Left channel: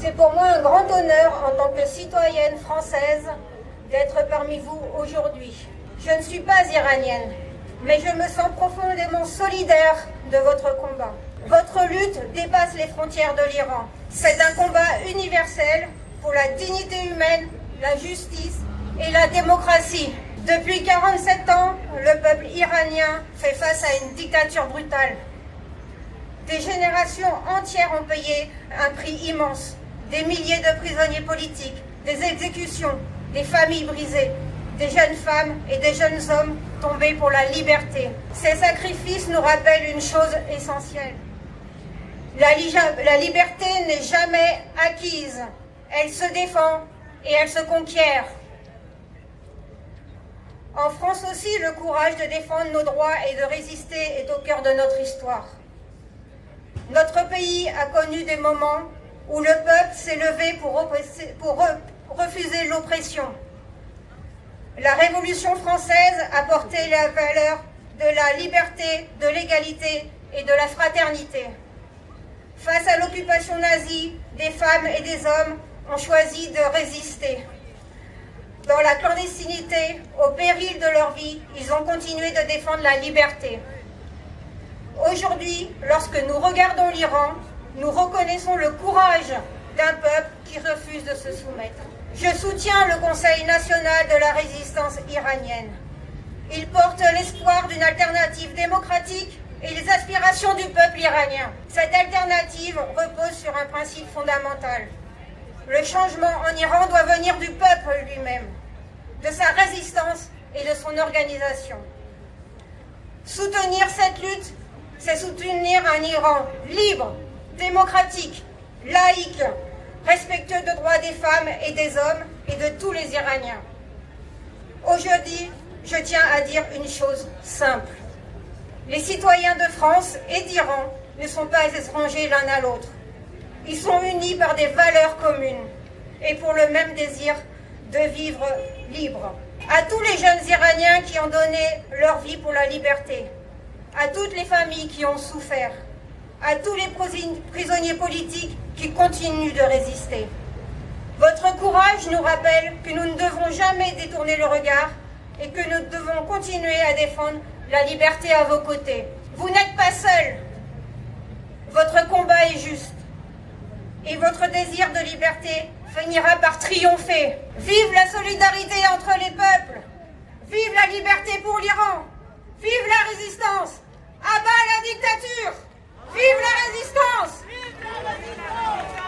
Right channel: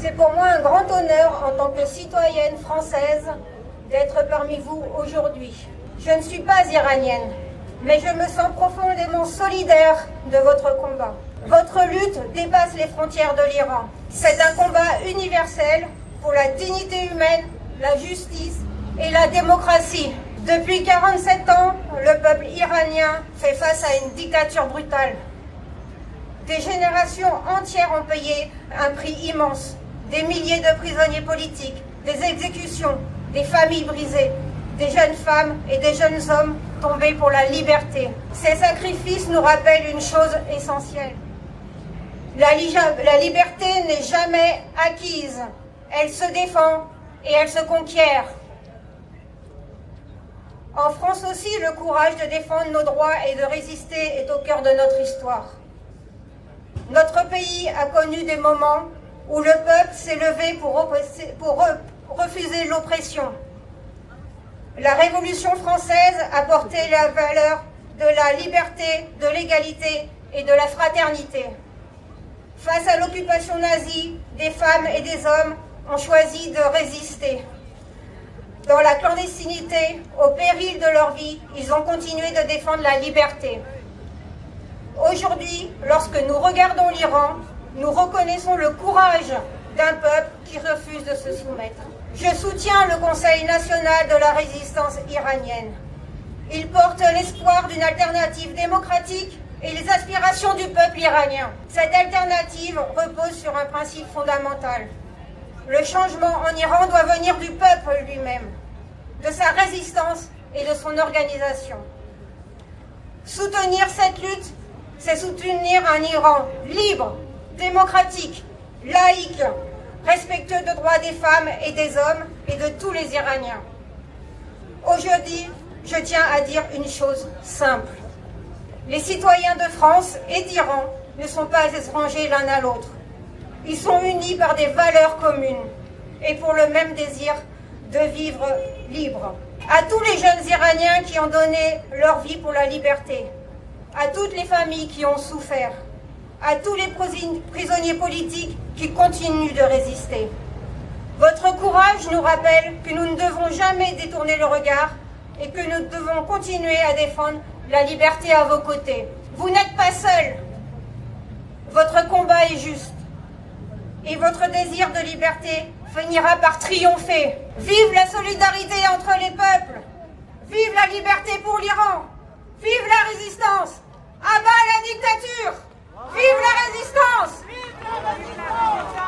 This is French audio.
C'est pour moi un grand honneur en tant que citoyenne française d'être parmi vous aujourd'hui. Je ne suis pas iranienne, mais je me sens profondément solidaire de votre combat. Votre lutte dépasse les frontières de l'Iran. C'est un combat universel pour la dignité humaine, la justice et la démocratie. Depuis 47 ans, le peuple iranien fait face à une dictature brutale. Des générations entières ont payé un prix immense. Des milliers de prisonniers politiques, des exécutions, des familles brisées, des jeunes femmes et des jeunes hommes tombés pour la liberté. Ces sacrifices nous rappellent une chose essentielle. La liberté n'est jamais acquise. Elle se défend et elle se conquiert. En France aussi, le courage de défendre nos droits et de résister est au cœur de notre histoire. Notre pays a connu des moments où le peuple s'est levé pour refuser l'oppression. La Révolution française a porté la valeur de la liberté, de l'égalité et de la fraternité. Face à l'occupation nazie, des femmes et des hommes ont choisi de résister. Dans la clandestinité, au péril de leur vie, ils ont continué de défendre la liberté. Aujourd'hui, lorsque nous regardons l'Iran, nous reconnaissons le courage d'un peuple qui refuse de se soumettre. Je soutiens le Conseil national de la résistance iranienne. Il porte l'espoir d'une alternative démocratique et les aspirations du peuple iranien. Cette alternative repose sur un principe fondamental. Le changement en Iran doit venir du peuple lui-même, de sa résistance et de son organisation. Soutenir cette lutte, c'est soutenir un Iran libre, démocratique, laïque, respectueux des droits des femmes et des hommes et de tous les Iraniens. Aujourd'hui, je tiens à dire une chose simple. Les citoyens de France et d'Iran ne sont pas étrangers l'un à l'autre. Ils sont unis par des valeurs communes et pour le même désir de vivre libre. À tous les jeunes Iraniens qui ont donné leur vie pour la liberté, à toutes les familles qui ont souffert, à tous les prisonniers politiques qui continuent de résister. Votre courage nous rappelle que nous ne devons jamais détourner le regard et que nous devons continuer à défendre la liberté à vos côtés. Vous n'êtes pas seuls. Votre combat est juste. Et votre désir de liberté finira par triompher. Vive la solidarité entre les peuples. Vive la liberté pour l'Iran. Vive la résistance. À bas la dictature. Vive la résistance.